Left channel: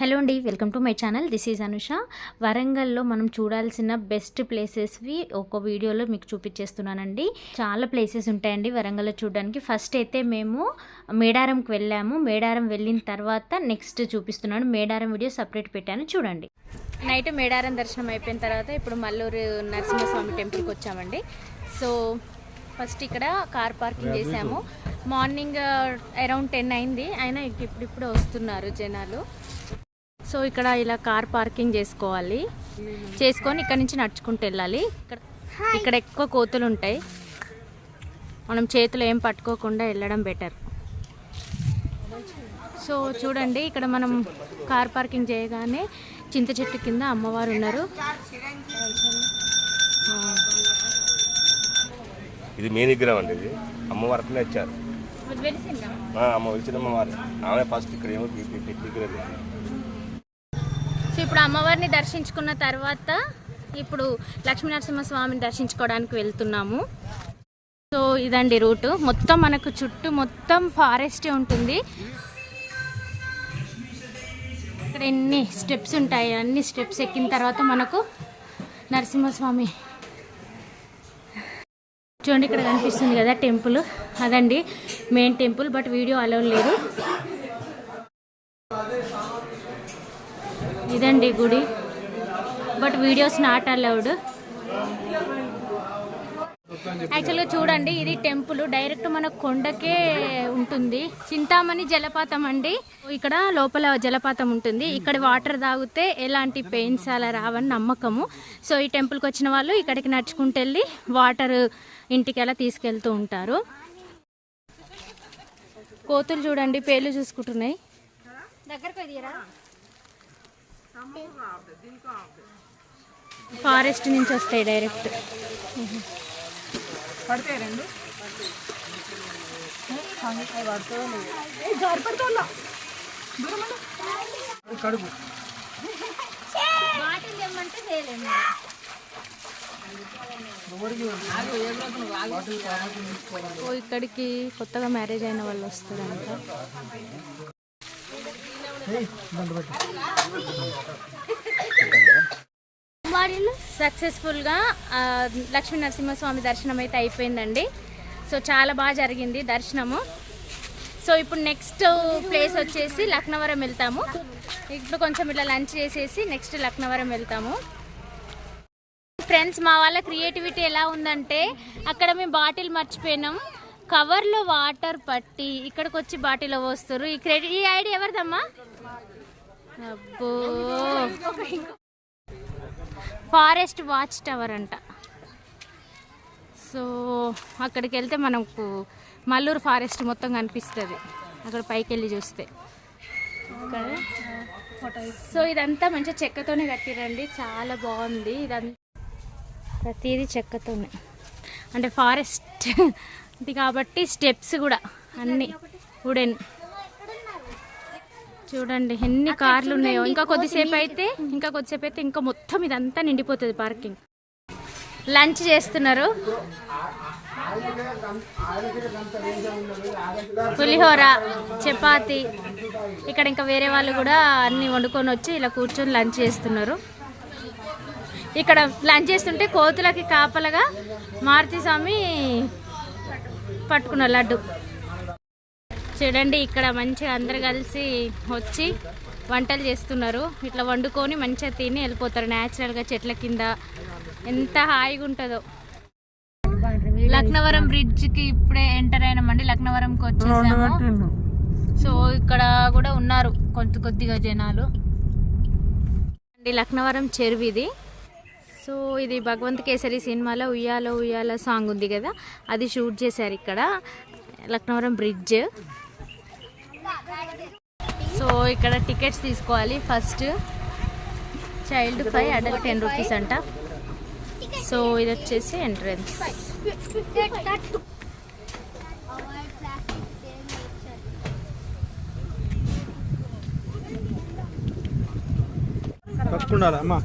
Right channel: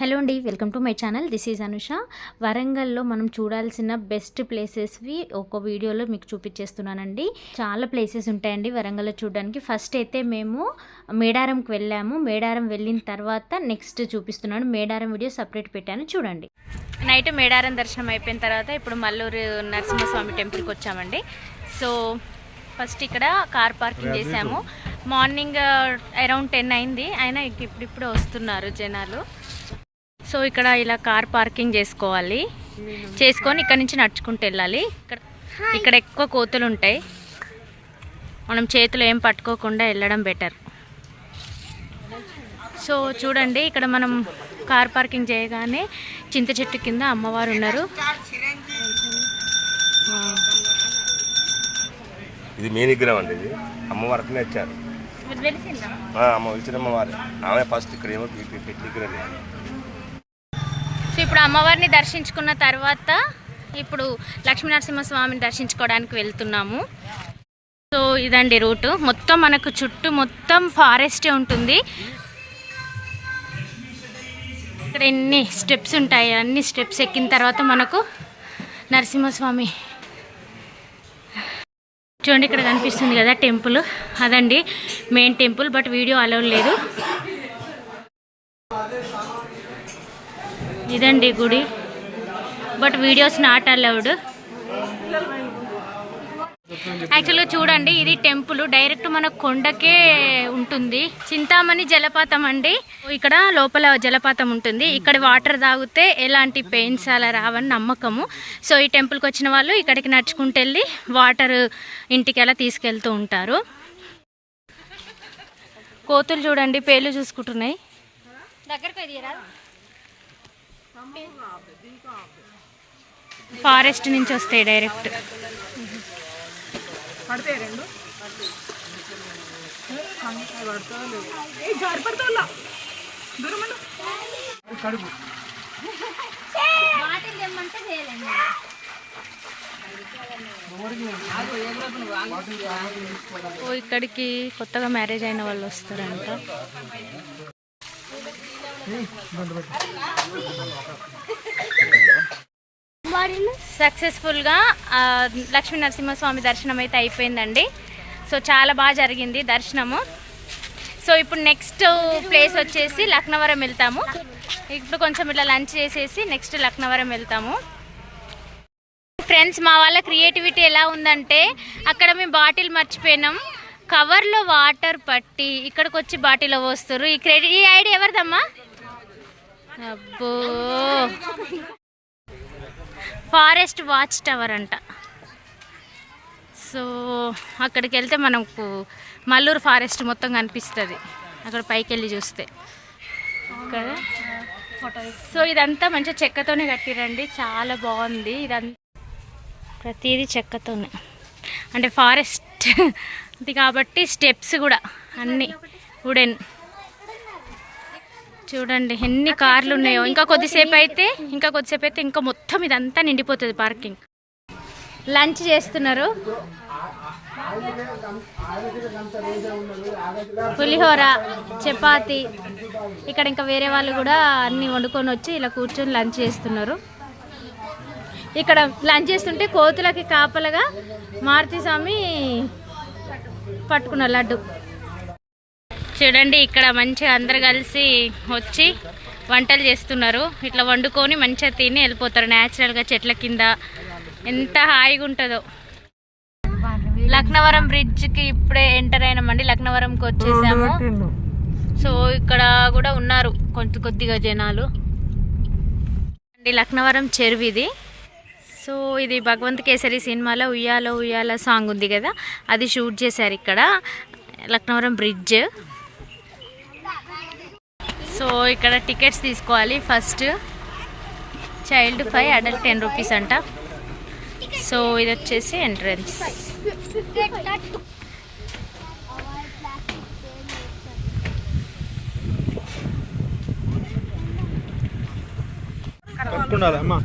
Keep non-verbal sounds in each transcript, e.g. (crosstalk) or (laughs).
Hello అండి welcome to my channel. This is Anusha. వరంగల్లో మనం చూడాల్సిన బెస్ట్ ప్లేసెస్వి ఒక వీడియోలో మీకు చూపించేస్తున్నానండి. చాలా ప్లేసెస్ ఉంటాయండి వరంగల్లో చూడడానికి. ఫస్ట్ అయితే మేము మేడారంకి వెళ్ళాము. మేడారం వెళ్ళిన తర్వాత నెక్స్ట్ చూపిస్తున్నాను. మేడారం వీడియో సపరేట్ పెట్టాను. చూడండి. నైట్ మేడారం దర్శనం అయిపోయిన తర్వాత ఇప్పుడు మల్లూరు నరసింహస్వామి టెంపుల్కి వచ్చామండి. సో ఫస్ట్ ఇక్కడ కార్ పార్కింగ్ చేసాము మార్నింగ్ అరౌండ్ టెన్ అయింది. అయినా ఇప్పుడు ఇప్పుడు వస్తున్నారు జనాలు. సో ఇక్కడ ఇలా కార్ పార్కింగ్ చేసుకోవాలి. చేసుకొని ఇక్కడ నుంచి నడుచుకుంటూ వెళ్ళాలి. ఇక్కడ ఇక్కడ ఎక్కువ కోతులు ఉంటాయి. మనం చేతులు ఏం పట్టుకోకుండా వెళ్ళడం బెటర్ సో చూడండి ఇక్కడ మనం కార్ పార్కింగ్ చేయగానే చింత చెట్టు కింద అమ్మవారు ఉన్నారు. ఇది మెయిన్ విగ్రహం అండి ఇది? వచ్చారు. అమ్మ వచ్చిన అమ్మవారు. ఆమె ఫస్ట్ ఇక్కడ ఏమో పెట్టి విగ్రహం ఇప్పుడు అమ్మవారిని దర్శించుకున్న తర్వాత ఇప్పుడు లక్ష్మీనరసింహస్వామిని దర్శించుకోవడానికి వెళ్తున్నాము. సో ఇదండి రూటు. మొత్తం మనకు చుట్టూ మొత్తం ఫారెస్టే ఉంటుంది. ఇక్కడ ఎన్ని స్టెప్స్ ఉంటాయి అన్ని స్టెప్స్ ఎక్కిన తర్వాత మనకు నరసింహస్వామి. చూడండి ఇక్కడ కనిపిస్తుంది కదా టెంపుల్. అదండి main temple but video allow లేదు. ఇదండి గుడి. బట్ వీడియోస్ నాట్ అలౌడ్ యాక్చువల్గా చూడండి ఇది టెంపుల్. డైరెక్ట్ మన కొండకే ఉంటుంది. చింతామణి జలపాతం అండి. ఇక్కడ లోపల జలపాతం ఉంటుంది. ఇక్కడ వాటర్ తాగితే ఎలాంటి పెయిన్స్ అలా రావని నమ్మకము. సో ఈ టెంపుల్కి వచ్చిన వాళ్ళు ఇక్కడికి నడుచుకుంటూ వెళ్ళి వాటర్ ఇంటికి అలా తీసుకెళ్తూ ఉంటారు. కోతులు చూడండి పేర్లు చూసుకుంటున్నాయి. ఫారెస్ట్ నుంచి వస్తాయి డైరెక్ట్. ఓ ఇక్కడికి కొత్తగా మ్యారేజ్ అయిన వాళ్ళు వస్తారంట. సక్సెస్ఫుల్గా లక్ష్మీ నరసింహస్వామి దర్శనం అయితే అయిపోయిందండి. సో చాలా బాగా జరిగింది దర్శనము. సో ఇప్పుడు నెక్స్ట్ ప్లేస్ వచ్చేసి లక్నవరం వెళ్తాము. ఇప్పుడు కొంచెం ఇట్లా లంచ్ చేసేసి నెక్స్ట్ లక్నవరం వెళ్తాము. ఫ్రెండ్స్ మా వాళ్ళ క్రియేటివిటీ ఎలా ఉందంటే అక్కడ మేము బాటిల్ మర్చిపోయినాం. కవర్లో వాటర్ పట్టి ఇక్కడికి వచ్చి బాటిల్ పోస్తారు ఈ క్రెడిట్ ఈ ఐడియా ఎవరిదమ్మా? అబ్బో. ఫారెస్ట్ వాచ్ టవర్ అంట. సో అక్కడికి వెళ్తే మనకు మల్లూరు ఫారెస్ట్ మొత్తం కనిపిస్తుంది. అక్కడ పైకి వెళ్ళి చూస్తే. కదా? సో ఇదంతా మంచిగా చెక్కతోనే కట్టిరండి. చాలా బాగుంది. ఇదంతా ప్రతిదీ చెక్కతోనే. అంటే ఫారెస్ట్ (laughs) ఇది కాబట్టి స్టెప్స్ కూడా అన్నీ వుడెన్. చూడండి ఎన్ని కార్లు ఉన్నాయో ఇంకా కొద్దిసేపు అయితే ఇంకా కొద్దిసేపు అయితే ఇంకా మొత్తం ఇదంతా నిండిపోతుంది పార్కింగ్ లంచ్ చేస్తున్నారు. పులిహోర చపాతి. ఇక్కడ ఇంకా వేరే వాళ్ళు కూడా అన్ని వండుకొని వచ్చి ఇలా కూర్చొని లంచ్ చేస్తున్నారు. ఇక్కడ లంచ్ చేస్తుంటే కోతులకి కాపలగా మారుతి స్వామి పట్టుకున్న లడ్డు. చూడండి ఇక్కడ మంచిగా అందరు కలిసి వచ్చి వంటలు చేస్తున్నారు. ఇట్లా వండుకొని మంచిగా తిని వెళ్ళిపోతారు. న్యాచురల్గా చెట్ల కింద ఎంత హాయిగా ఉంటుందో. లక్నవరం బ్రిడ్జ్కి ఇప్పుడే ఎంటర్ అయినామండి. లక్నవరంకి వచ్చేసాము. సో ఇక్కడ కూడా ఉన్నారు కొంత కొద్దిగా జనాలు. అండి లక్నవరం చెరువు ఇది. సో ఇది భగవంత్ కేసరి సినిమాలో ఉయ్యాలో ఉయ్యాల సాంగ్ ఉంది కదా అది షూట్ చేశారు ఇక్కడ. లక్నవరం బ్రిడ్జ్ సో ఇక్కడ టికెట్స్ తీసుకోవాలి. First child five adult ten rupees అంట. సో ఇది వచ్చేసి ఎంట్రన్స్. పట్టుకున్నారు అమ్మా.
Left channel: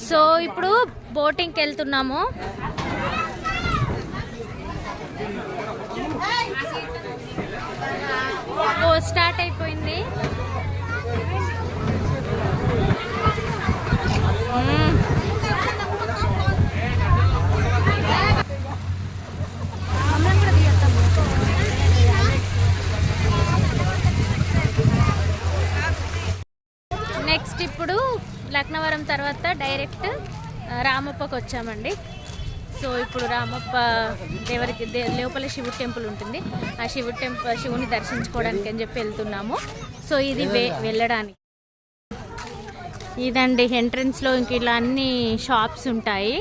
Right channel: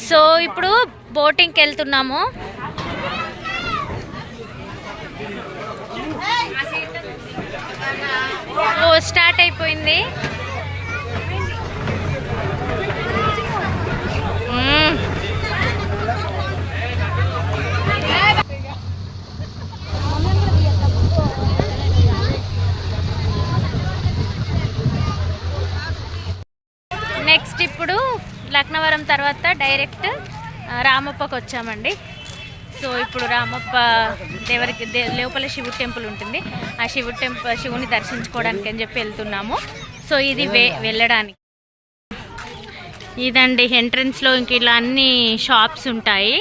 సో ఇప్పుడు బోటింగ్కి వెళ్తున్నాము. ఓ స్టార్ట్ అయిపోయింది. మ్మ్. నెక్స్ట్ ఇప్పుడు లక్నవరం తర్వాత డైరెక్ట్ రామప్పకు వచ్చామండి. సో ఇప్పుడు రామప్ప దేవరికి దే లోపల శివుడు టెంపుల్ ఉంటుంది. ఆ శివుడు టెంపుల్ శివుని దర్శించుకోవడానికి అని చెప్పి వెళ్తున్నాము. సో ఇది వే వెళ్ళడానికి. ఇదండి ఎంట్రన్స్లో ఇంక ఇలా అన్ని షాప్స్ ఉంటాయి.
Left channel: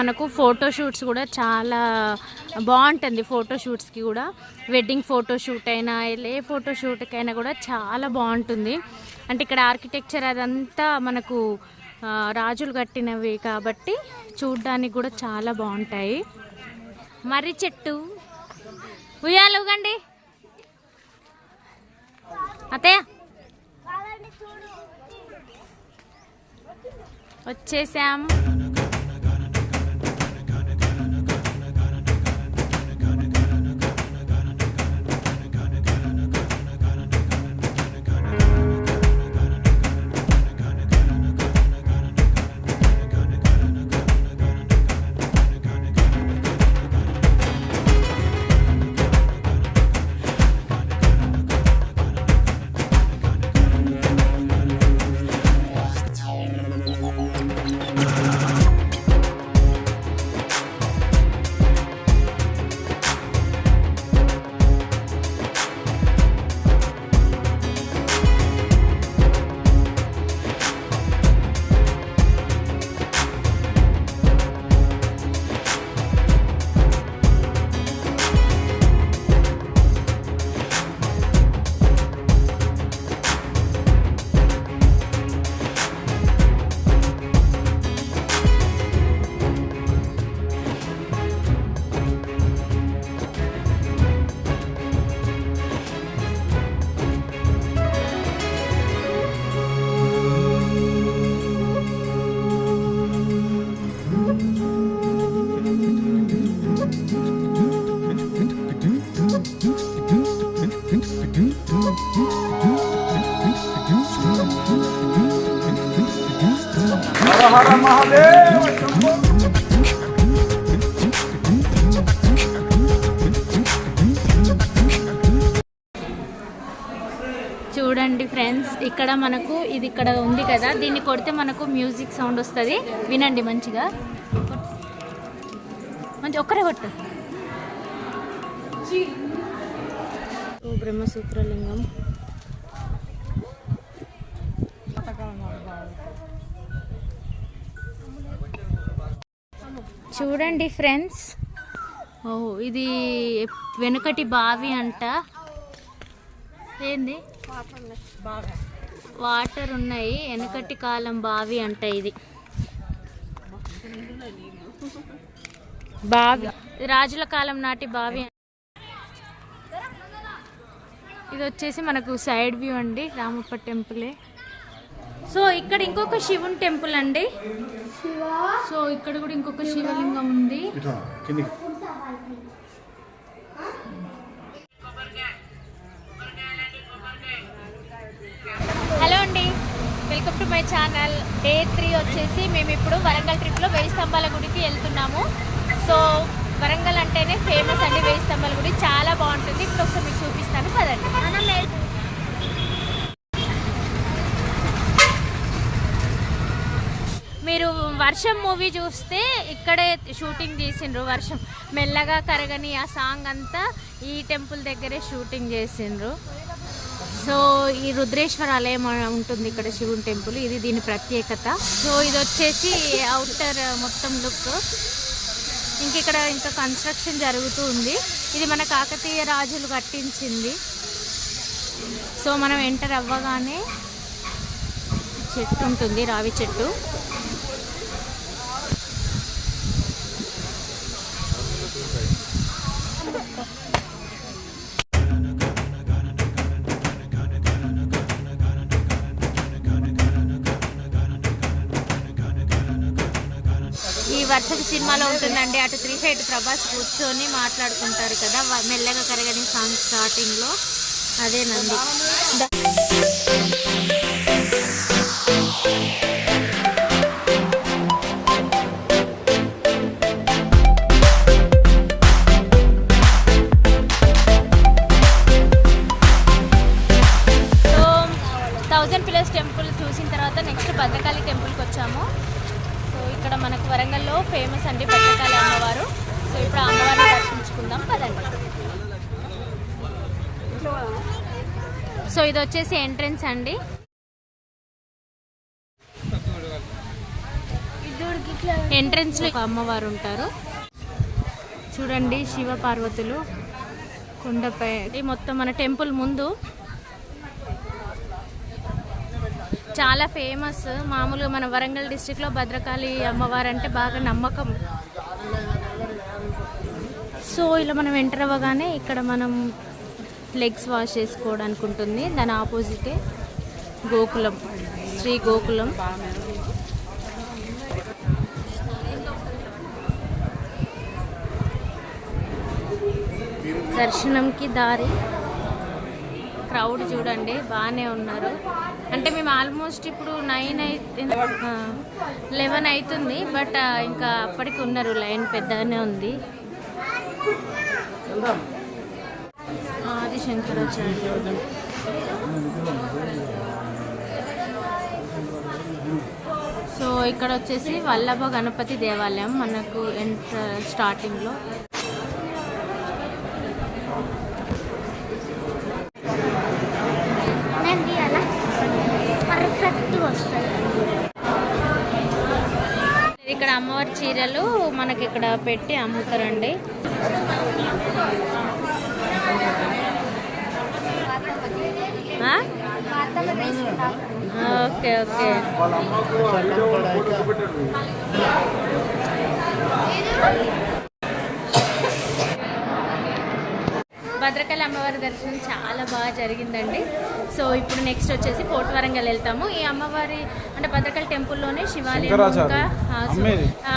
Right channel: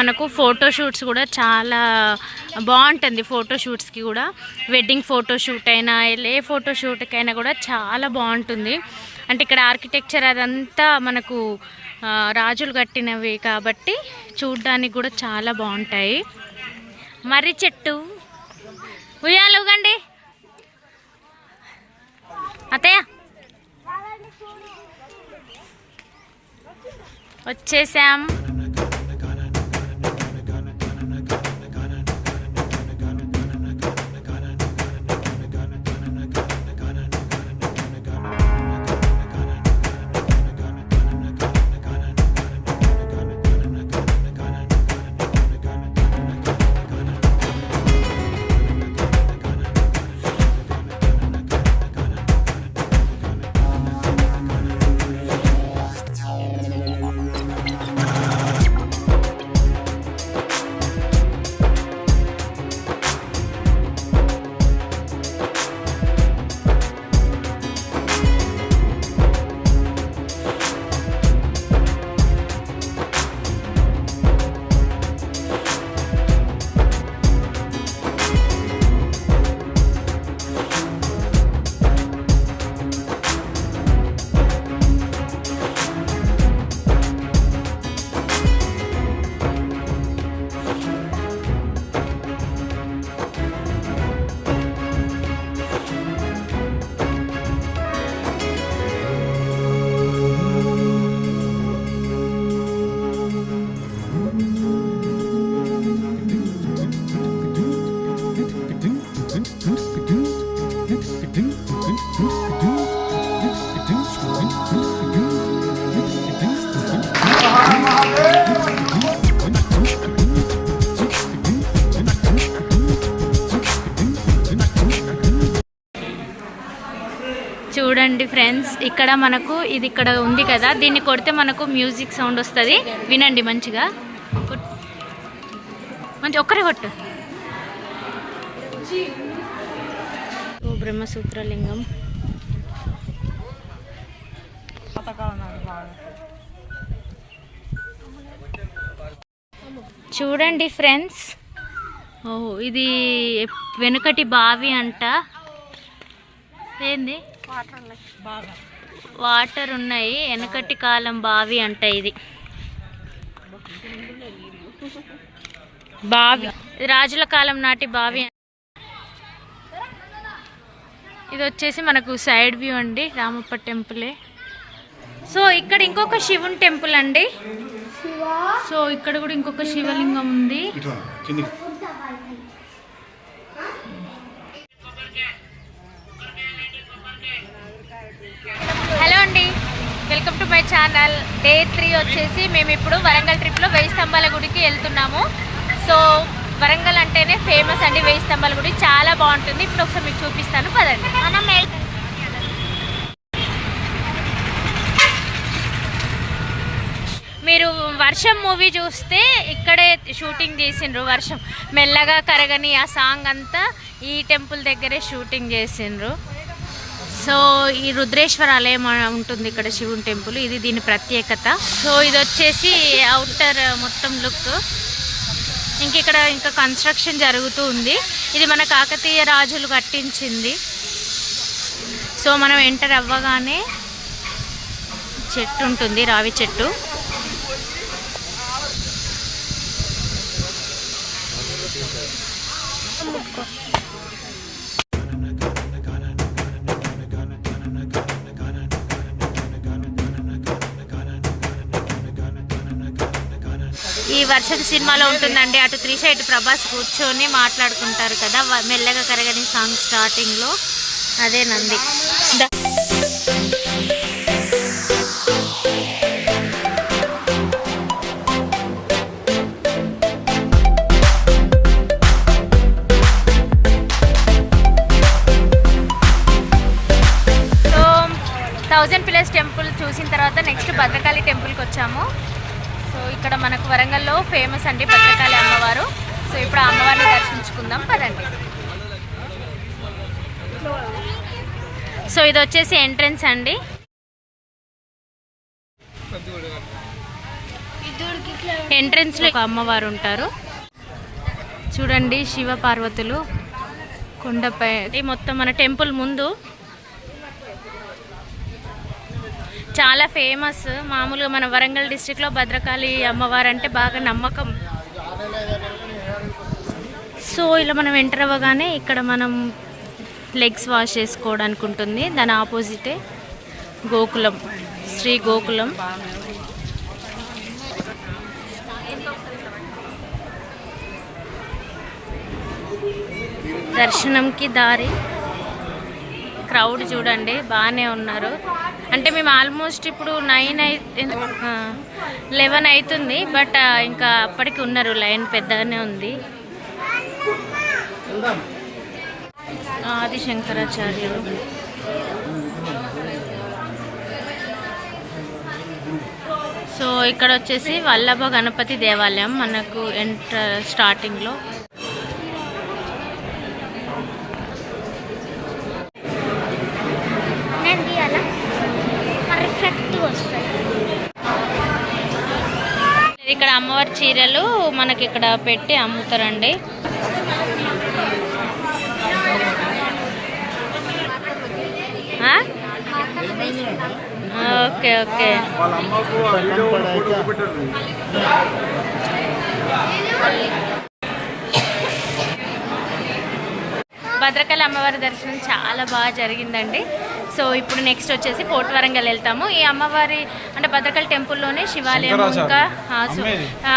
మనకు ఫోటోషూట్స్ కూడా చాలా బాగుంటుంది ఫోటోషూట్స్కి కూడా. వెడ్డింగ్ ఫోటోషూట్ అయినా ఏ ఫోటోషూట్కైనా కూడా చాలా బాగుంటుంది. అంటే ఇక్కడ ఆర్కిటెక్చర్ అదంతా మనకు రాజులు కట్టినవి కాబట్టి చూడ్డానికి కూడా చాలా బాగుంటాయి. మర్రి చెట్టు. ఉయ్యాలు ఊగండి. అతయ్య వచ్చేసాం. చూడండి ఫ్రెండ్స్ ఇక్కడ మనకు ఇది ఇక్కడ ఉంది కదా. దీన్ని కొడితే మనకు మ్యూజిక్ సౌండ్ వస్తుంది. వినండి మంచిగా. మంచి ఒక్కరే కొట్టు. బ్రహ్మసూత్రలింగం. చూడండి ఫ్రెండ్స్. ఓ ఇది వెనుకటి బావి అంట. ఏంది? వాటర్ ఉన్నాయి. వెనకటి కాలం బావి అంట ఇది. బావి. రాజుల కాలం నాటి బావి. ఇది వచ్చేసి మనకు సైడ్ వ్యూ అండి రామప్ప టెంపులే. సో ఇక్కడ ఇంకొక శివుని టెంపుల్ అండి. సో ఇక్కడ కూడా ఇంకొక శివలింగం ఉంది. హలో అండి. Welcome to my channel. Day three వచ్చేసి మేము ఇప్పుడు వరంగల్ ట్రిప్లో వెయ్యి స్తంభాల గుడికి వెళ్తున్నాము. సో వరంగల్ అంటేనే ఫేమస్ అండి వెయ్యి స్తంభాల గుడి. చాలా బాగుంటుంది. ఇప్పుడు ఒకసారి మీకు చూపిస్తాను. పదండి. మనం మీరు వర్షం మూవీ చూస్తే ఇక్కడే షూటింగ్ చేసిండ్రు వర్షం. మెల్లగా కరగని ఆ సాంగ్ అంతా ఈ టెంపుల్ దగ్గరే షూటింగ్ చేసిండ్రు. సో ఈ రుద్రేశ్వర ఆలయం ఉంటుంది ఇక్కడ శివుని టెంపుల్. ఇది దీని ప్రత్యేకత. సో ఇది వచ్చేసి అవుటర్ మొత్తం లుక్ ఇంక ఇక్కడ ఇంకా కన్స్ట్రక్షన్ జరుగుతూ ఉంది. ఇది మన కాకతీయ రాజులు కట్టించింది. సో మనం ఎంటర్ అవ్వగానే చెట్టు ఉంటుంది రావి చెట్టు. ఈ వర్షపు సినిమాలో ఉంటుందండి. అటు త్రిష ఇటు ప్రభాస్ కూర్చొని మాట్లాడుకుంటారు కదా. మెల్లగా కరగని సాంగ్ స్టార్టింగ్లో. అదే నంది. థౌజండ్ పిల్లర్స్ టెంపుల్ చూసిన తర్వాత నెక్స్ట్ భద్రకాళి టెంపుల్కి వచ్చాము. సో ఇక్కడ మనకు వరంగల్లో ఫేమస్ అండి భద్రకాళి అమ్మవారు. సో ఇప్పుడు ఆ అమ్మవారిని దర్శించుకుందాం పదండి. సో ఇది వచ్చేసి ఎంట్రన్స్ అండి. ఎంట్రన్స్లో ఒక అమ్మవారు ఉంటారు. చూడండి శివ పార్వతులు కొండపై మొత్తం మన టెంపుల్ ముందు చాలా ఫేమస్ మామూలుగా మన వరంగల్ డిస్టిక్లో భద్రకాళి అమ్మవారు అంటే బాగా నమ్మకం. సో ఇలా మనం ఎంటర్ అవ్వగానే ఇక్కడ మనం లెగ్స్ వాష్ చేసుకోవడానికి ఉంటుంది. దాని ఆపోజిటే గోకులం శ్రీ గోకులం. దర్శనంకి దారి. క్రౌడ్ చూడండి బాగానే ఉన్నారు. అంటే మేము ఆల్మోస్ట్ ఇప్పుడు నైన్ అయితే లెవెన్ అవుతుంది బట్ ఇంకా అప్పటికి ఉన్నారు లైన్ పెద్దగానే ఉంది. ఆది శంకరాచార్యులు సో ఇక్కడ వచ్చేసి వల్లభ గణపతి దేవాలయం మనకు ఎంటర్ స్టార్టింగ్లో నంది అలా పర్ఫెక్ట్గా వస్తుంది ఇక్కడ అమ్మవారి చీరలు మనకి ఇక్కడ పెట్టి అమ్ముతారండి. Okay okay. భద్రకాళి అమ్మవారి దర్శనం చాలా బాగా జరిగిందండి. సో ఇప్పుడు నెక్స్ట్ వచ్చేసి ఫోర్ట్ వరంగల్ వెళ్తాము. ఈ అమ్మవారి అంటే భద్రకాళి టెంపుల్లోనే శివాలయం ఇంకా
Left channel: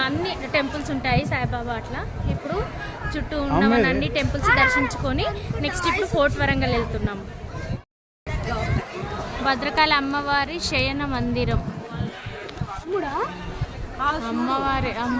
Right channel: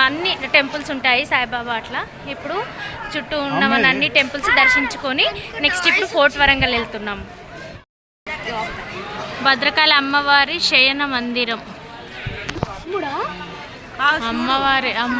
అన్ని. టెంపుల్స్ ఉంటాయి సాయిబాబా అట్లా. ఇప్పుడు చుట్టూ ఉన్న అన్ని. టెంపుల్స్ దర్శించుకొని నెక్స్ట్ ఇప్పుడు ఫోర్ట్ వరంగల్ వెళ్తున్నాము. భద్రకాళి అమ్మవారి శయన మందిరం. అమ్మవారి అమ్మ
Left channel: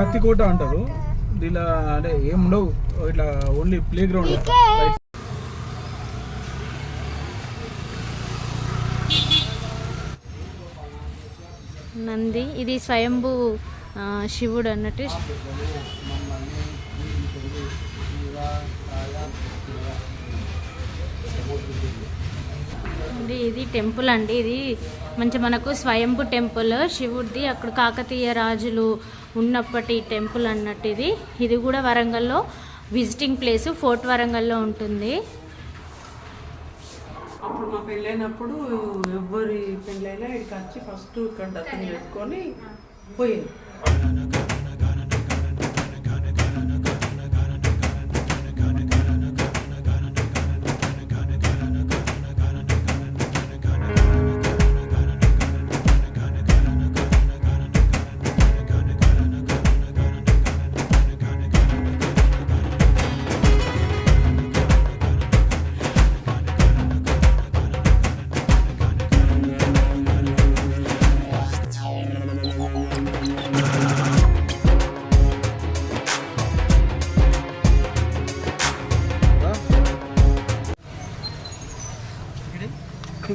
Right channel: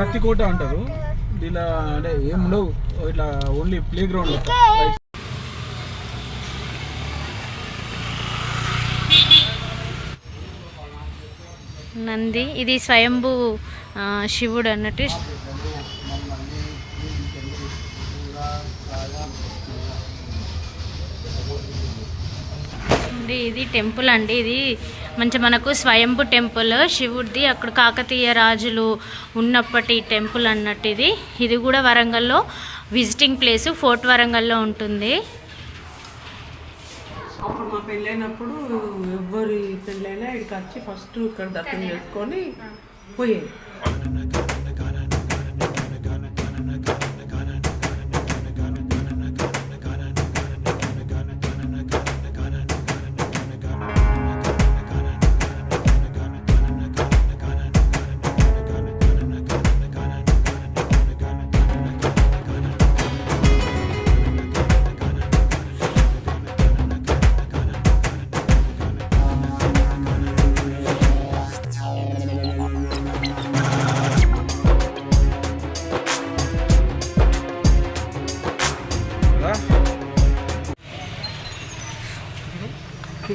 కత్తికోట అంటారు. దీనిలో అంటే ఏం ఉండవు. ఇట్లా ఓన్లీ ప్లే గ్రౌండ్ నంది ఇది స్వయంభూ ఆ, శివుడు అన్నట్టు. ఇది టెంపుల్ అండి. ఇది మంచి మనకు స్వయంభు టెంపుల్ శివుడిది అక్కడ కాకతీయ రాజులు ఉన్నప్పటి టెంపుల్ అన్నట్టు ఇది. ఇది కూడా వరంగల్లో విజిటింగ్ ప్లేస్ ఫోర్ట్ వరంగల్లో ఉంటుంది. అప్పుడు మా పెళ్ళైనప్పుడు ఎవరి పెళ్ళైనా ఇక్కడికి వచ్చి ఫస్ట్ ఇక్కడ దర్శనం చేసుకొని పోయేది.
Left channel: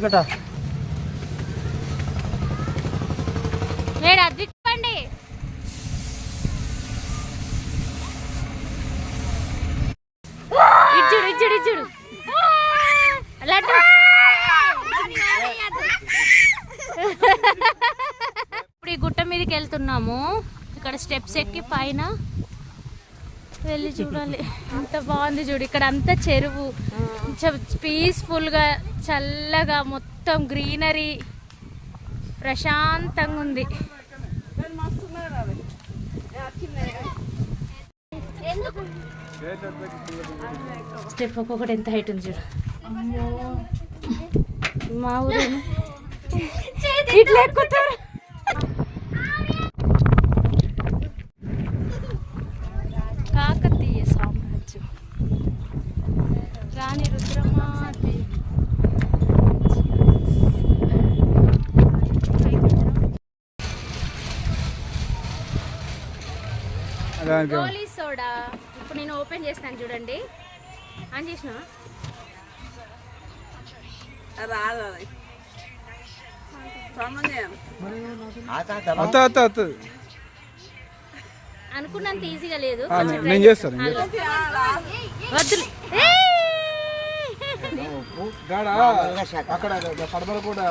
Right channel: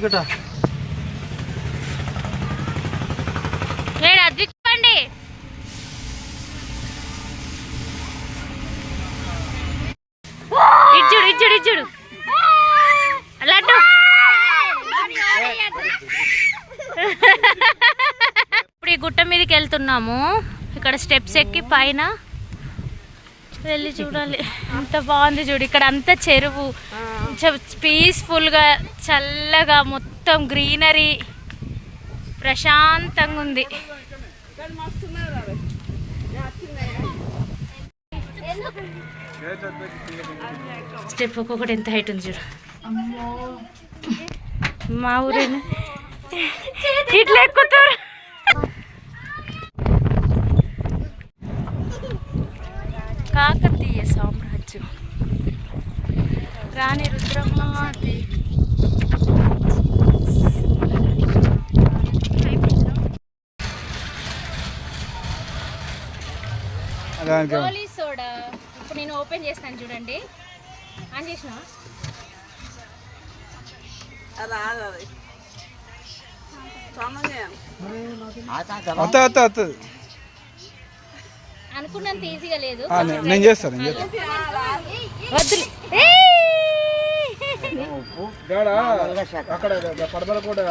టికెటా ఏడు అది చెప్పండి. ఇచ్చుడు ఇచ్చుడు ఇచ్చుడు లడ్డు. ఇప్పుడు ఈ గుట్ట మీదకి వెళ్తున్నాము. ఇక్కడ స్టెప్స్ ఎక్కి పైన వెళ్ళి చూడాలి. ఎంత బాగుంది చూడు. ఇక్కడ అంతా చెరువు. పీస్ఫుల్గా చల్లగా మొత్తం గ్రీనరీ ప్రశాంతంగా ఉంది. స్టెప్ ఒక్కొక్కటి ఎంత హైట్ ఉంది చూడు. మా ఊరేమో? ఇట్లా ఎక్కుతారు. దానికి గోలీ సోడా. ఇప్పుడు నేను ఓపెన్ చేస్తాను చూడండి. ఆన్ చేసిన అత్త అత్త అత్త. అనుకున్నంత ఈజీగా లేదు. నేను చేస్తాను నేను చేస్తాను అక్కడ పడమల కూడా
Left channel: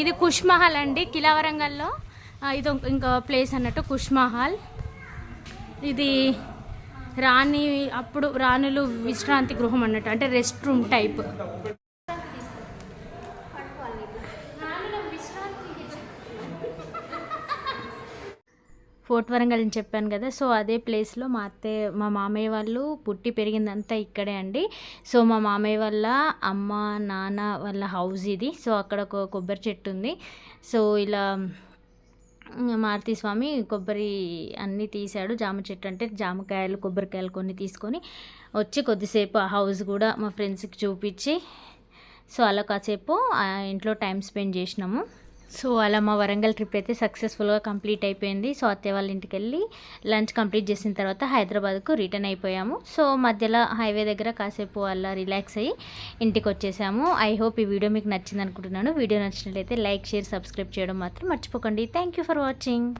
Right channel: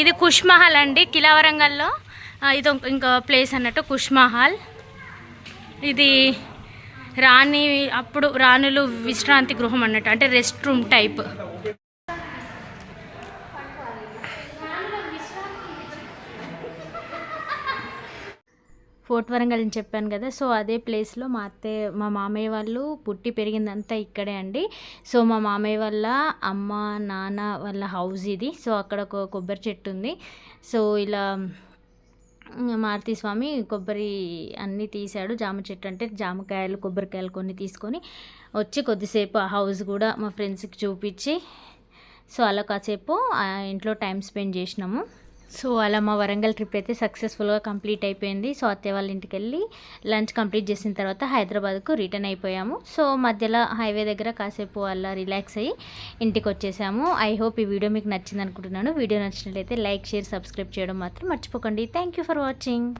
ఇది కుష్ మహల్ అండి కిలా వరంగల్లో ఇది ఇంకో ప్లేస్ అన్నట్టు కుష్ మహల్. ఇది రాణి అప్పుడు రాణులు విశ్రాంతి గృహం అన్నట్టు అంటే rest room type fort Warangal అని చెప్పాను కదా సో అదే ప్లేస్లో మా అత్తయ్య మా మామయ్య వాళ్ళు పుట్టి పెరిగిందంతా ఇక్కడే అండి. సో మా మామయ్య వాళ్ళ అమ్మ నాన్న వాళ్ళ హౌస్ ఇది సో అక్కడ ఒక కొబ్బరి చెట్టు ఉంది. సో ఇలా మారుతి స్వామి కొబ్బరి అన్నీ తీశాడు. జామ చెట్టు అంటే జామకాయలు కొబ్బరికాయలు కొన్ని తీసుకొని వచ్చి కొద్దిసేపు ఆ హౌస్ కూడా మా ఫ్రెండ్స్కి చూపించి సో అలా కాసేపు ఇంట్లో టైం స్పెండ్ చేసినాము. సో అలా మా వరంగల్ ట్రిప్ అయితే సక్సెస్ఫుల్గా కంప్లీట్ అయిపోయింది. సో అత్తయ్య వాళ్ళ ఇంటికి వెళ్ళి లంచ్ కంప్లీట్ చేసిన తర్వాత హైదరాబాద్కు రిటర్న్ అయిపోయాము. సో మధ్యలో హైవే దగ్గర కాసేపు అలా రిలాక్స్ అయ్యి ఇంటికి వచ్చేసాము. ఐ హోప్ ఈ వీడియో మీకు నచ్చింది అనుకుంటున్నాను వీడియో నచ్చినట్లయితే లైక్ షేర్ సబ్స్క్రైబ్ చేయడం మాత్రం మర్చిపోకండి. Thank you for watching.